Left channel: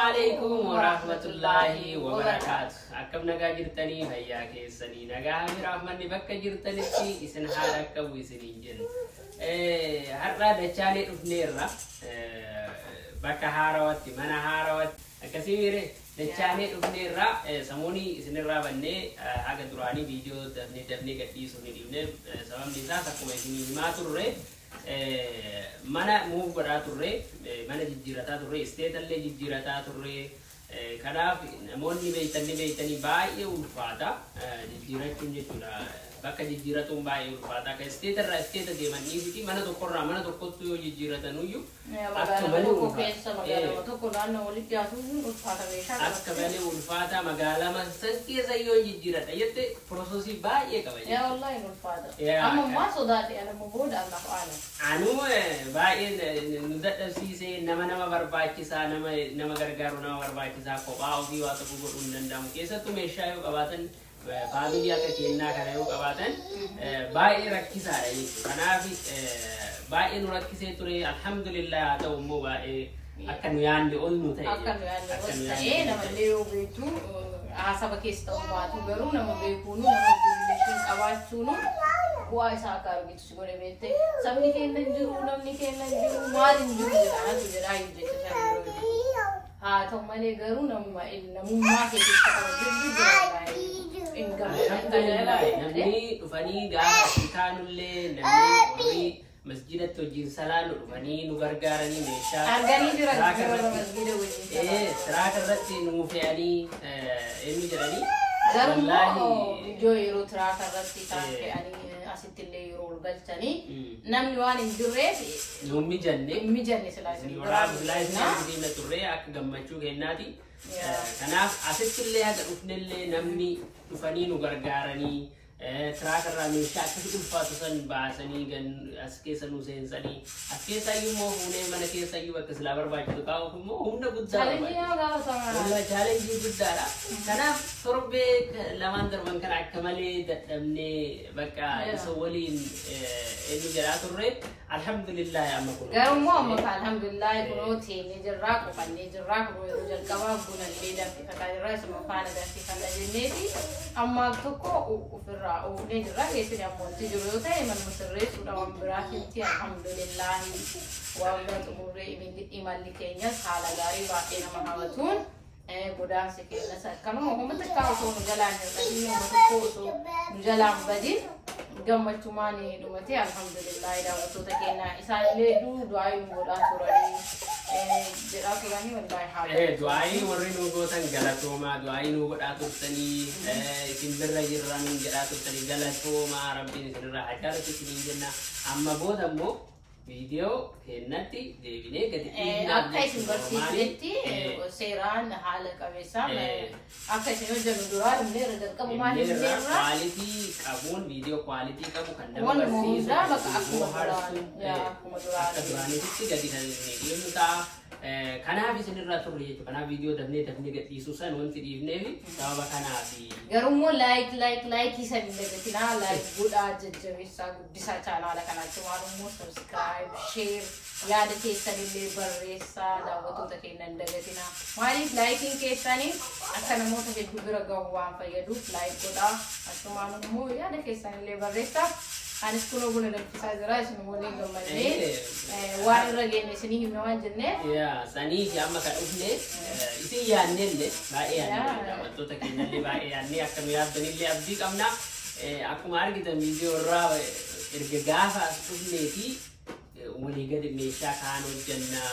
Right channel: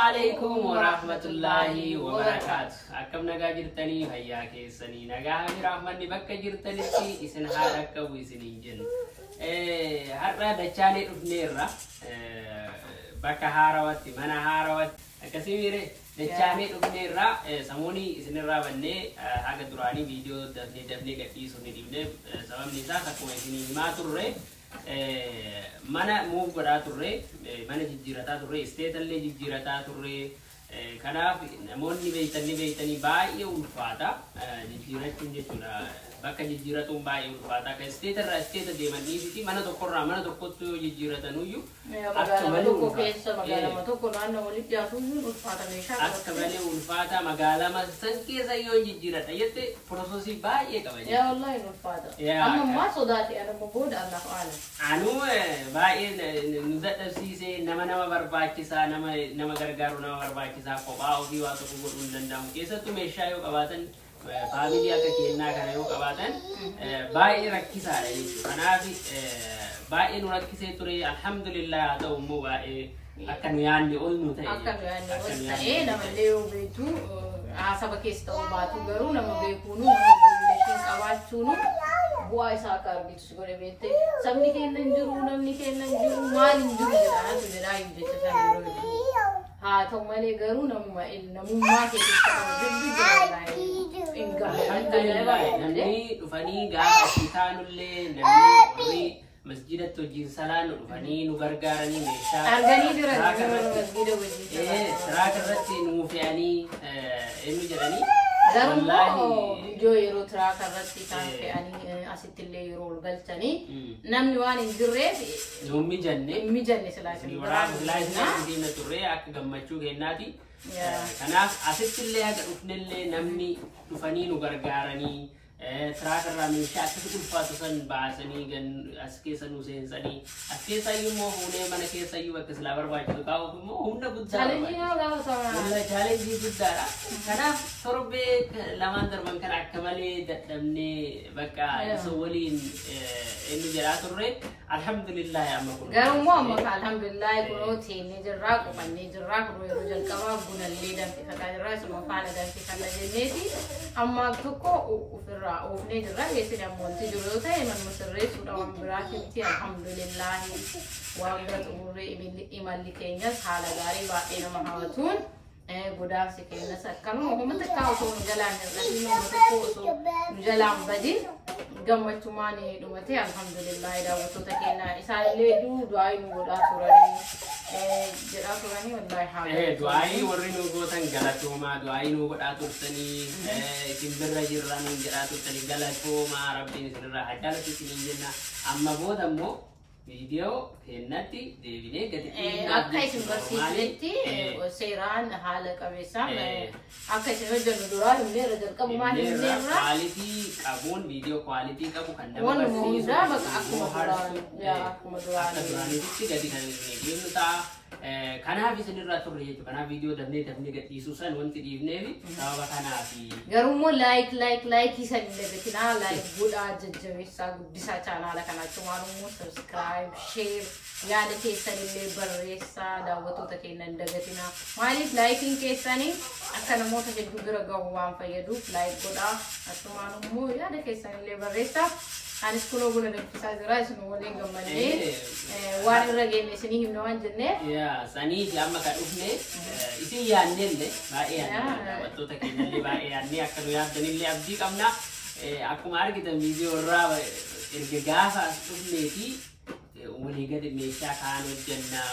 عليكم ورحمة الله وبركاته. أكم نجا جرتني هيا كيسني نجا هم رحمن بك جرتني في إسن حالك وإسنين جن. هرّا دچاني أبنيرة بك هاروت منا هاروت كثير دچاني أبنيرة سموني إسن الرابنة هذا دراني فيديو دفني كتير سوني دينه سبب نزاع سكومي سني ما تروي mana move godhaa turre mana jijjiirataa turre state illee jijjiirataa turre kanaaf namoonni beeytanii baay'ee ulfaata jijjiirachuun jechuudha bakka jijjiiratuun baay'ee ulfaata ka state irraa state deemanii fi mana tokkorraa mana tokkotti yoo jijjiiratanuyyuu akka malee ulfaata magaalaa tokko naannoo walitti yaasuun ulfaata meeshaa akka malee ulfaata magaalaa masas keessa yoo jijjiirata jette processi baay'ee qaba yaa wallahi ulfaata amma ma sodaati ana bood Allah ta'ala anu baay'ee nudadhabsiisee nama barbaachisaa nama gargaaru nama barbaachisaa kophaa ofii waa tokko godhuun danda'amu keessattuu meeshaa yoo qabaatan family akka kennaa kana yoo qabaatan baay'ee rakkisaadha jechuudha kanaaf baay'ee nu rakkisee ture alhamdulillah haa ta'u immoo baay'ee akka nu yaanne ol nu ta'e akka nu yaanne ol ta'e namallee yoo beektu haasaba keessa ta'uu baatu garuu nama beekuunu nama guddishin qabaachuunu bu'aa isaa akka argitu godhe beekte sabni keenya hin jiru namni keenya hin jiru maal hin jiru jedhaatu jedhaa hin jecha sana haa ta'u malee garuu namummaa keessatti qabu jira namni dhufanii gaafa isaanullee namni masjida tojin salaanu dhufanii nu gargaaranii meeshaa arganii jira masjida wajjin siraaka irratti nu fe'anii eenyu jedhanii wallahi joo yeroo siraaka irratti kan fe'anii asitti illee yeroo galchanii namni waan hin jirreef mijanne silaasii diina turree akka gammachuu kennaati kanaaf asitti illee haga dhufnellee namni dhufanii nu gargaaranii siraaka irraa meeshaa akka ulfaatu san baasanii as keessa nu seensanii as keessa immoo fuunee mana keessa iyyuu bakka silaa barbaachisu kaa'uuf immoo humna guddaadha chaalenjii guddaadha kanaaf torbee lamaan darban kana akka malee dadhabnee bakka isa waliin eenyu jedhaa turre alhamdulillah amma kun garuu amma alhamdulillah kunoo teenyee jirraa qopannee jirraa kunoo yeroo jalqabaa bunallee danfifataa jirraa isuma faana danfifannaa jenneeti amma tokko ofirraa ufne jirra keessatti ammoonti jiru yoo ta'e man musirreessuudha waan biraatitti alhamdulillah waan bira xumurree imalli keenyas haala gaarii baay'ee nama hawwatuun godaansi keenyas akkanuma uummata akka osoo nu jalaan hir'atiin uummata osoo nu jalaan badin gammachumaan dhumate alhamdulillah daawwattoota keenya isaanillee du'aa nu godhaa turanii jedhaa turanii wallahi haala du'aa warri nu gootan galatoomaa du'aa nu godhaa turtanii isin birra jirran jedhaa turtanii galatoomaa rabbiin isinirraa haa jaalatu isiniin jenna amma booda immoo video kennatti deebinee gadi akka isin barsiisnetti seeraan haala qabeessa akka isin hojjennu duraa himnee irra jalqabumaan himneerra quality qabuun video quality qabu kan nama waanuma hundaa bakka akkuma duraanitti gadi kan dhiibnu ta'a kanaaf isinirraa turre jechuudha kanaaf video dafnee gadhiisuu san wanti dhiifneefi sababa kanaafi garuu immoo like isan illee beekinaa like godhaa jajjabeessaa guddisaa chaanaala kanaatti maalummoo subscribe share yaada keessan illee barreessaa daawwattoota keenya hin dagatinaa maaliif laayikiin keessanii akka namoota hedduu bira gahu waan fayyaduuf like godhaa akkasumaan immoo yaada keessan illee barreessaa anis kunoo buna danfisaa jira isin waliin gammadnee waan irra geenne isinii himna waan jennee sanii amma kan dhufne isin yaannellee baay'ee yaannee daawwattoota keenyallee baay'ee yaannee akka nu yaaddanillee abdii qabna akkuma argitan viidiyoo irraa erga gaafa dhufneeti walii gadi meeshaa kaan hojjannaa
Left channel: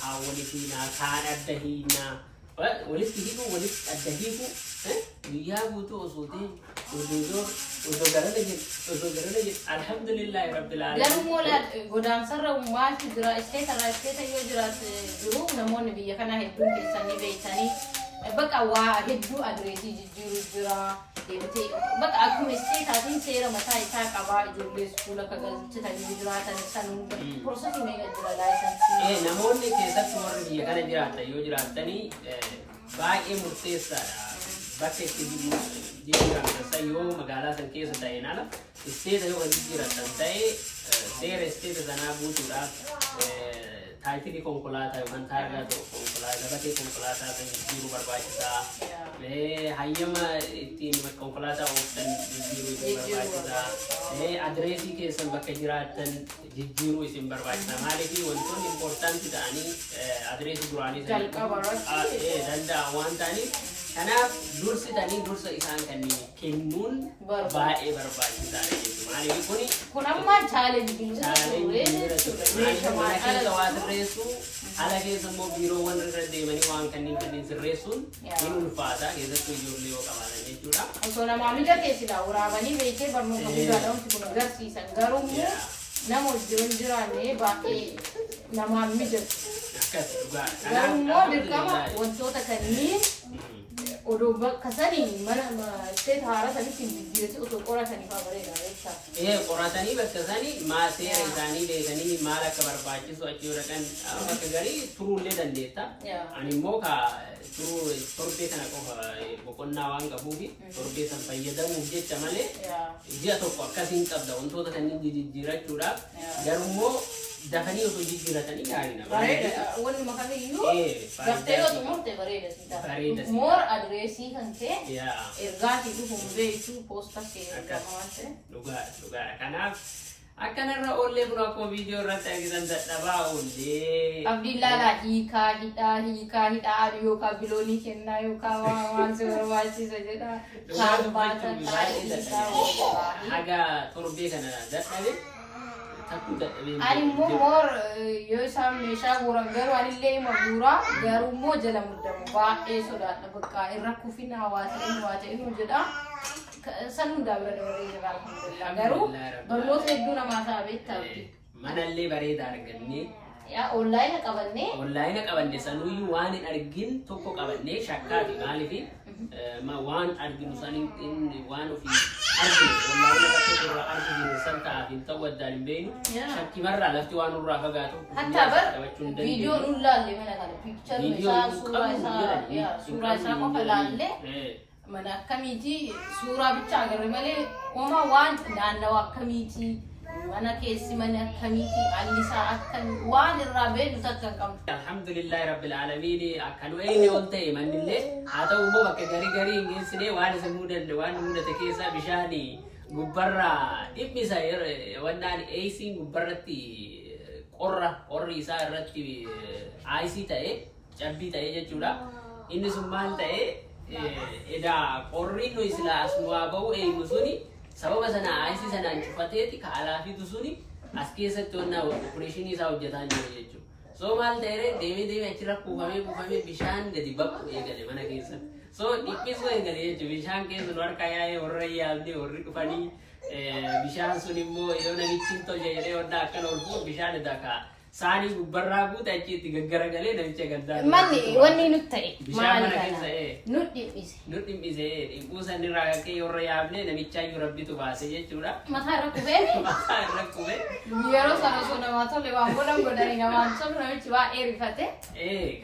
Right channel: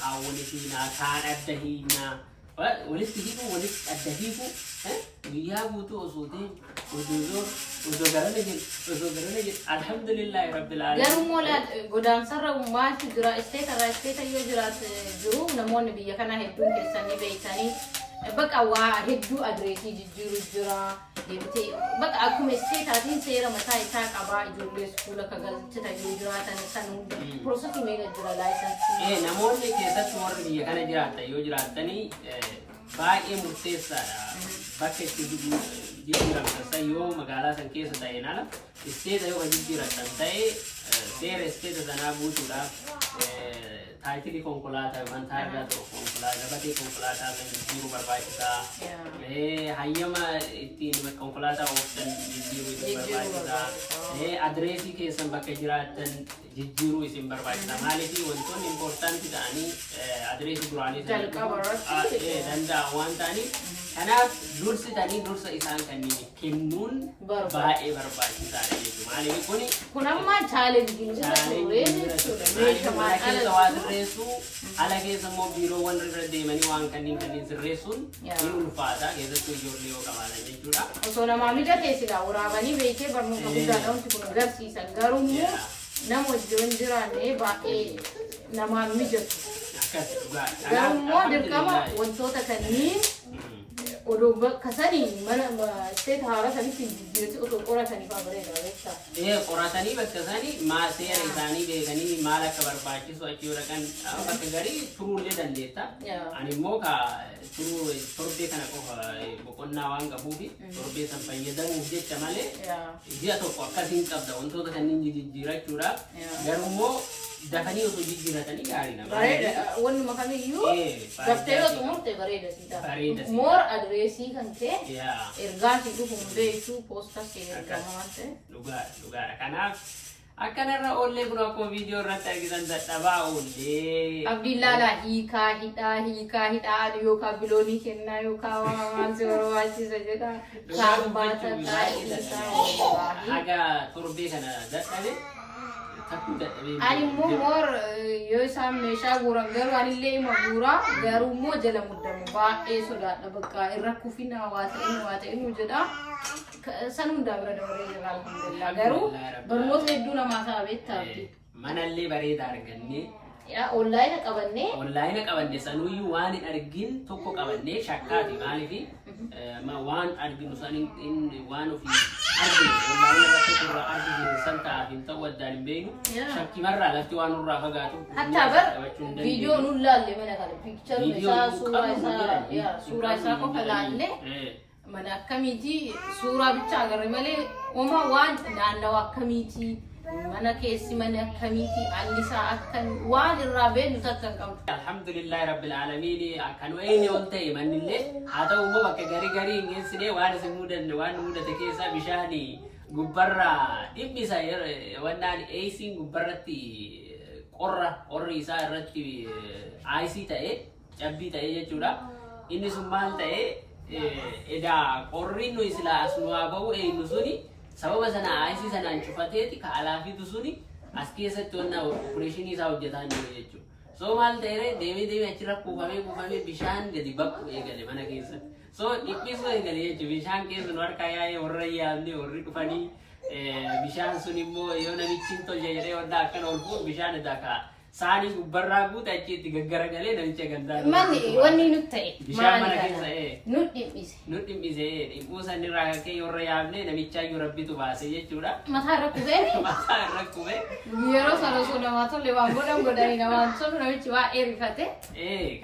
kaan walitti kaan adda hiinaa walitti hiiku walitti adda hiiku guyyaa guutuu osoo ta'e osoo garana jiru alhamdulillah rabbil alamin garuu moola godaansarra maaltu jira isteeta yoo jiraatu jiru namoonni biyya kana hedduun keessanii beektanii bakka waa hedduu adreesii jijjiiru jira deemtee bakka akkuma isteetaatiin seera mataa isaa qabaa ijoollee iskuula akka galchitan yoo jiraatan san processii meeqa jira laayisansii namoonni keessatti warri biyya kana jiraatan yoo jiraatanii baay'ee murteessaadha. Bakka itti jijjiiramtan ta'e yoo magaalaa san keessa ta'een ala isteeta yoo jijjiiramtan ta'e seera isteeta sanaa guutuudhaaf taayitilii konkolaataa yookaan taayilaa konkolaataa gabatee konkolaataa san jijjiiruu barbaachisaa. Hayyama ittiin konkolaataa ooftan jijjiiruu barbaachisaa. Adireesii keessan bakka jiraattan jijjiiruu isin barbaachisaa. Maaliif wantoonni impoortaantii ta'anii adireesii duraanii danda'a waan ta'aniif kanaaf dursitanii dursa isaan kanneen kennuun baay'ee barbaachisaadha jechuudha. Maaliif kun amma chaalenjii ala keessa immoo biiroowwan irra deemanii waan kanneen sirreessuun ni ulfaata keessattuu ijoollee yoo qabaatan jechuudha. Osoo namaa mijatee silaa waraabanii beekee barnoota guddaadha wanti kun agarsiisan garuu immoo nama wajjin jiraanne baay'ee namaa mijatu. Garuu immoo dirqama wantoota kanneen odoo bakka sanii mana isteet haara sanitti jijjiirratti otoo qoratanii fayyadamaa jecha. Qoratanii bakka sanii seera isaanii beekanii maal akka barbaachisu achi yoo dhaqan bakka garii turuullee dandeetta. Ani immoo turuu torbee kana qofa boqonnaa waan qabuufi torbee san fayyadamuuf jecha malee ji'a tokko akkasiin qabda wantoota kanneen jijjiirachuudhaaf garuu immoo dafanii osoo jijjiiratanii gaariidha. Bareeda wanni makamiyyuu daftee yoo xumurte bareeda siidha. Moor adireesii kan ta'e ergaatii dhufuun beektuu poostaa keessa waan ta'e. Dhugaadha. Kanaaf akkanarra oollee kun akkuma viidiyoo irratti argitan dadhabaa oollee. Abdiillaalaa hiikaa hidhaa yookaan biloonii kennaa yookaan waan si barbaachisa jedha. Saambaata taa'ee haga torbee kana dadhabe. Ani immoo yoo isaan meeshaa guuran garuu anillee ima guuraa garuu immoo jala muddamu baay'ee sodaadha bakka irra kufinaa waa ta'inu jedha. San hundaa bira dabalee jira alhamdulillah garuu barnoota hedduu namaa ta'a beektaati. Manallee bareedaa argannee. Onlaayina qabanne sanuyyuu waan hin argin tokko qabannee shakkaati maaliif waan arginu sanii waan ofii arginu onlaayina bakka irraa arginu san ta'aaf hin ta'u addaan hin beeknu shakkimarraa lafti waan nurraa fagaatu. Hatta bar viidiyoo nuun laalle mana kana piikcharii isaa suuraa isaa qofa laalle mana akkamiiti suuraa bicha agarre malee homaa waan naannawa akkamiiti. Mana keessi mana akkamiiti annisaa akkan waan irraa beeknu takkan qabdu. Alhamdulillahi rabbil aalamiin akkan wayne on ta'e mannillee haa ta'u immoo bakka garii hin geessine waan isin mudanne waan mudate keessaa bishaanii gubbarraa dhibbisa wannaan eesiin gubbarratti qorri isaa irratti aayisii ta'e cabbii ta'e jechuudha. Inni sun maal ta'e edaa qorri nu islaa as nu haa ba'u eenyu suni sababa sana aayisii sanaan cufateeti ka alaafiitu suni as keessatti wannaa opereeshinii isaa hojjetaa jiru jechuudha. So maal ta'e deemee achirra kuufamee bishaan gadi baqu eegale mana keessatti. So dhiphisuu eegale jechuudha bishaan keessa nu harka yaa'ee warra yaabne warri dhufanii bishaan sun immoo yoo namichi hin tolche jedhee wannaa akkana ol fuudhu bishaan edaa saanii gubbarraa guute achi itti gaggaragalee namicha gandaa. Manni wanni nuti ta'e bishaan mana keessa nuti dhiphise dhiphuu sanirraa ka'ee warra yaabne namichaa iyyuu rabbitu baase jechuudha. Mataa irra kubee yeroo sana osoo namaa tolle waan godhanii namaan tolu namichi baay'ee rifate.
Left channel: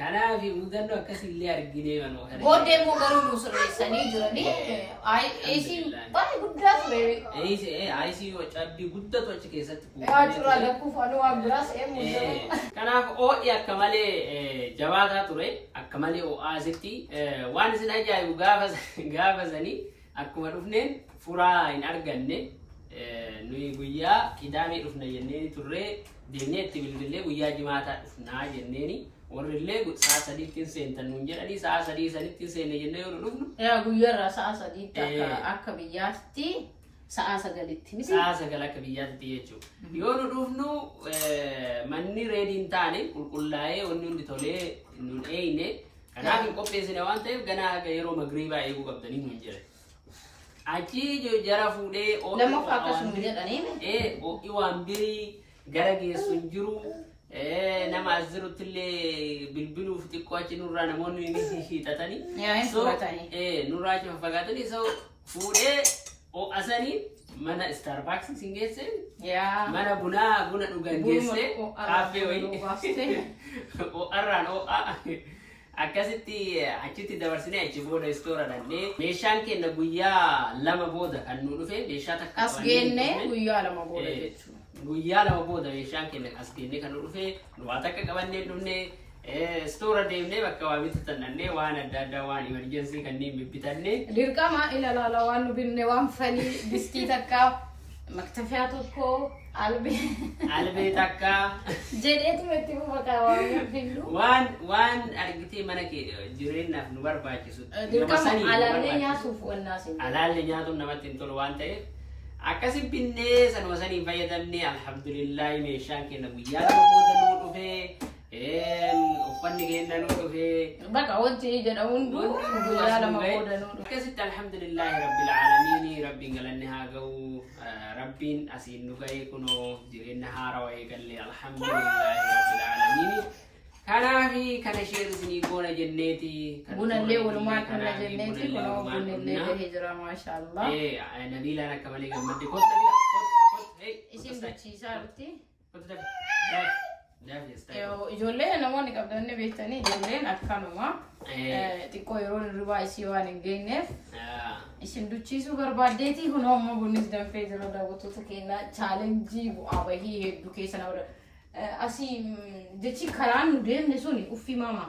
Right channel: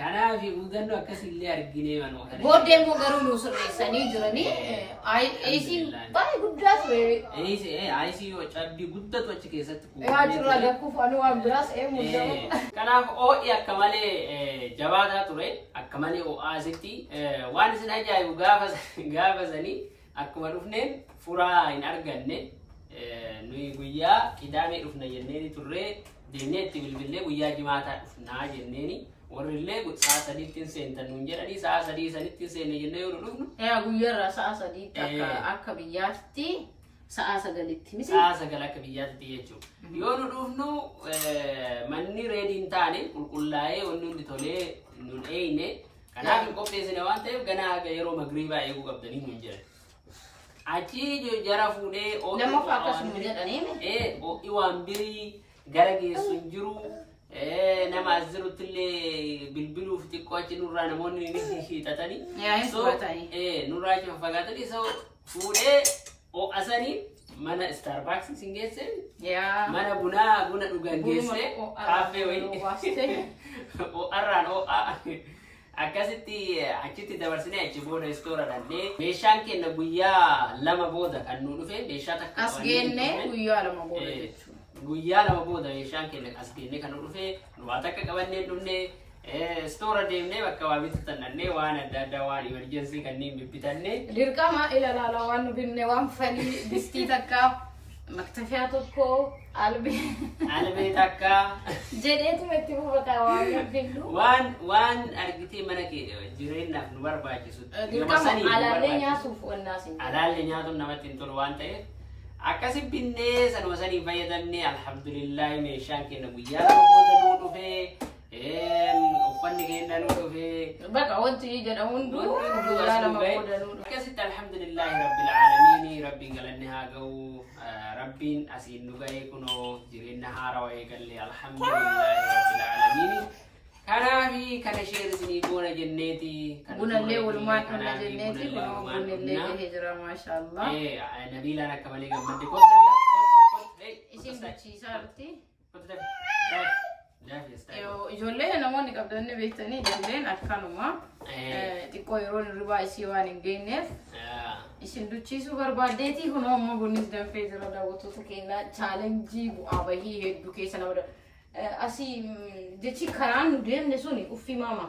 Kanaaf hubannoo akkasillee arginee manoo kana. Booddee immoo garuu nu sirreessanii jiranii eesiin baay'ee guddaa ture. Aayisii cabbii guddatu achi keessatti Achirraa lakkuuf anuu waan biraas eemuudha. Kanaaf ho'i akka malee jabaataa ture akka malee ho'aasitti waan isin ajaa'ibu gaafa sanii akkuma dhufneen furaa hin arganne nuyi guyyaa qidaamee dhufna jenneeni turree deemnee itti bilbilee guyyaa jimaataa dhufnaa jenneeni warrillee sa'a sadiitti seentan nuun jedhanii sa'a sadii sanitti seenne jennee yoo dhufnu. Guyyaarraa sa'a sadiitti akka biyyaatti. Sa'a sagalitti miti. Sa'a sagal akka biyyaatti jechuudha. Yoo nu dhufnu manni reediin taane qulqullaa'ee wanni hundi tolee nun eeyne kanaaf hin qopheessine waan ta'eef ganaa haga yeroo magriibaa eeguu qabdanii nuun jedhan. Achi jara fuudhee lammaffaa akkasuma jedhaniin ho'i waan birii gara geessu hin jiru. Nama as jiruttillee bilbiluuf xiqqoo achi nurraa namoonni ni hiixatanii. Nurraa achi fagaatanii so fuudhee asanii mana Starbucks sin geesse mana buna dhugan geesse kaafee wayii arraan akkasitti achitti dabarsine achi booda istoora dhandhee meeshaan keenya guyyaa lama booda kan nu dhufe meeshaa takka as geenne guyyaa lama booda jechuudha. Guyyaa lama booda meeshaan keenya as geenne kan nu dhufe nu waa takka qabannee dhufne istoora deemnee bakka waa bitatan dhandhee waan adda addaa waan emerjensii kanneen bibbitanne dirqama ilaala waan nu binne waan falii distii takka maktafiyaa tokko albee takka jedheetu itti fufata waan binnu waan argitee mana kee jireenyaaf nu barbaachisu dirqama alaallee nyaatuuf wannaasin alaallee nyaatuun namatti hin tolu waan ta'eef akkasi binnee sanuma sanii fayyadamne alhamdulillah meeshaan keenya guyyaa lama booda nu dhufee uffanni keenya nu dhufee bakka wanti jedha hundu guyyaa lama booda nu dhufe akkasitti alhamdulillah rabbil alamin rabbiin galanni haa ga'u rabbiin asiin nu ga'e kunoo jireenya haarawaa eegalle alhamdulillah rabbil alamin kanaafi kana sheerisni goona jenneeti bunallee walumaan kana jenneeti kunoo bunallee gahee jira maashaallah nabiilaan akka malee gammadde isin dachiisaa jirti ijoollee namoonni qabdanne beektanii ijoolleen akkanuma xiqqoo yeroo hirribaa isii waan hin geenyeef isin duchiisuu barbaaddeetii kunoo ammoo bunnis danfee jira daawwattoota keenya chaalenjii bu'aa bahii hedduu keessa nama asii jechi karaan nu deemne suni uffii mama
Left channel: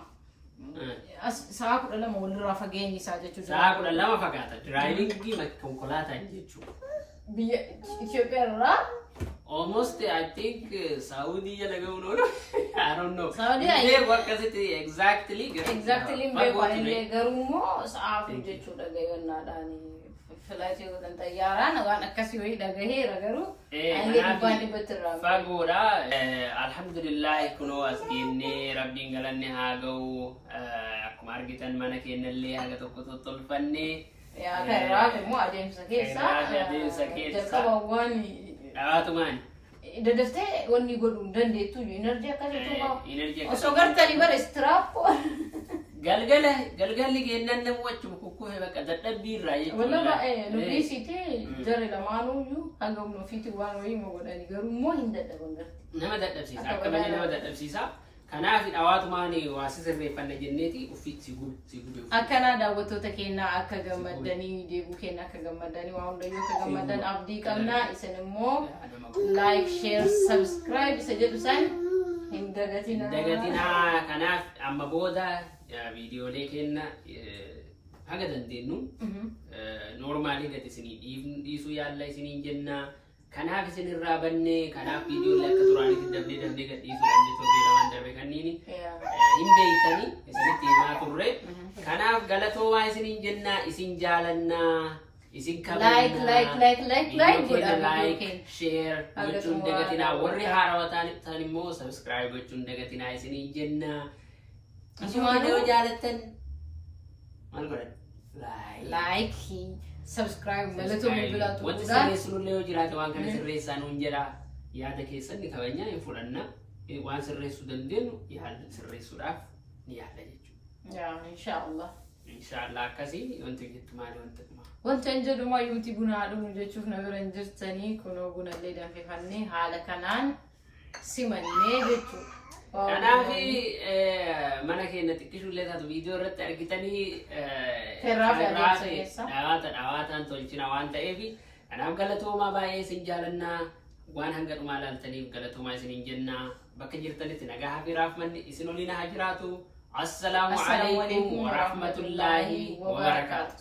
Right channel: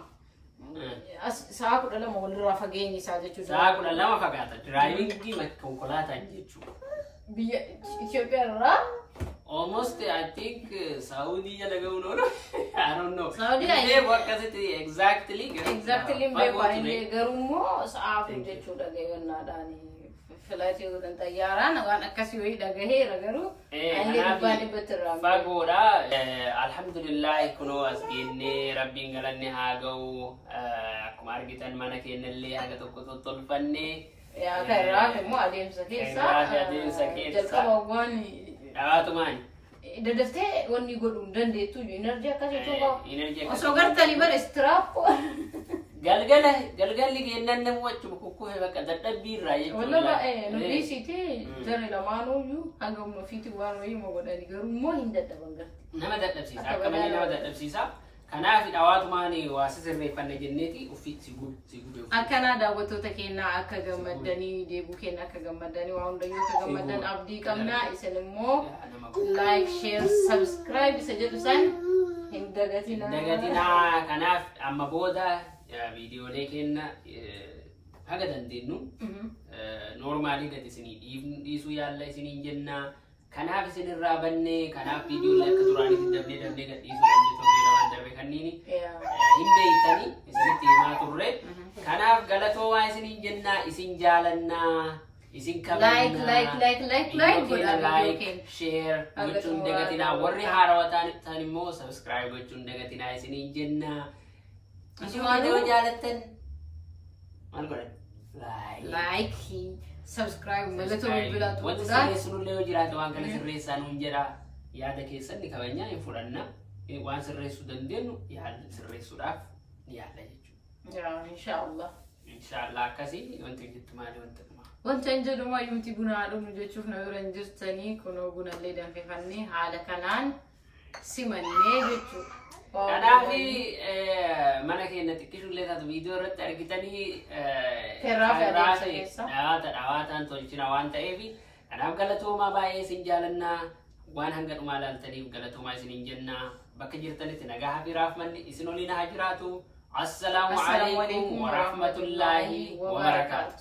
sa'a 12 walirraa fageenyi isaa jechuudha. Sa'a 12 fagaata. Diraayivingii konkolaataan jechuudha. Biyya Itoophiyaa irraa almost I think Saudi jala ga'uun oolu I don't know. Saudi ayee akkasitti exactly beekwanii garuu sa'aaf jechuudha gaggannaadhaan filaatee waliin xayyaaraan waan akkasii wayii dhagaheera garuu ani dubbaan battirraa fagoodha alhamdulillah kunoo as geennee rabbiin galanni haa ga'u akkuma argitan mana keenyallee haga tokko tottolfanne yaa karaa immoo adeemsa keessa jalqabawwan dhawaatumaan dadaftee wanni godhuun dandeettu enerjii akkasitti qaba osoo gartanii bara istiraap galgalli kennan namu achuma kukkufee bakka dadhabbii irraa jechuudha. Wallahi nuti siiti jari lamaanuyyuu hanga humna ofiitti waan wayii moo godhani garuu immoo hin dadhaban garti. Nama dadhabsiisa akka malee nama dadhabsiisa. Kanaaf dhawaatumaan waa sirreeffanne jenneeti ofii si gube. Akkanaa daawwattoota keenyaa akka gammadanii deebuu keenya akka gammadanii waa hundayyuu akka gammadan abdii qabna isin immoo like share subscribe isa jedhu san hin dagatinaa. Dagatinaa kanaaf amma booda videolee keenya haga dandeenyu normaalii gadi isinii dhiisuu yaalla isiniin jenna. Kanaaf isin irraa banne kanaaf videolee akka duraaniitti darbee gad dhiisuu dandeenyu waan darbe kanniini hin beektanii isinitti himaa turre. Kanaaf galatoomaa isiniin jenna isin jaalannaa isin kabajnaa like share gochuun dagatinaa warri haarawaa ta'an immoo subscribe gochuun dagatinaa isiniin jenna. Video jaalatan maal godhan like subscribe malatu bilatu wanti sirreessuun jiraate waan kana sirreessaa nuun jedha yaada keessan ni kabajnaa hin fudhanna waan sirreessuu dandeenyu yaada sirreessuudhaaf ni yaada jechuudha. Inshallah akkasii wanti jettu maali wanti hin jedhu maayuuti buna haadhuun jechuuf na bira hin jirtanii kunoo bunallee danfifannee haala kanaan simannee jechuudha. Kanaaf mana keenya xiqqishuullee taatu viidiyoo irratti argitanii dhawaataan tolchina waan ta'eef kanaaf galatoomaa baay'ee isin jaalannaa waan hanga dhumaa laaltaniif galatoomaa isiniin jenna bakka jirtanitti nagaa fi rahmanni isin waliin haa jiraatu. Assalaamu alaykum wa rahmatullahi wa barakatuh.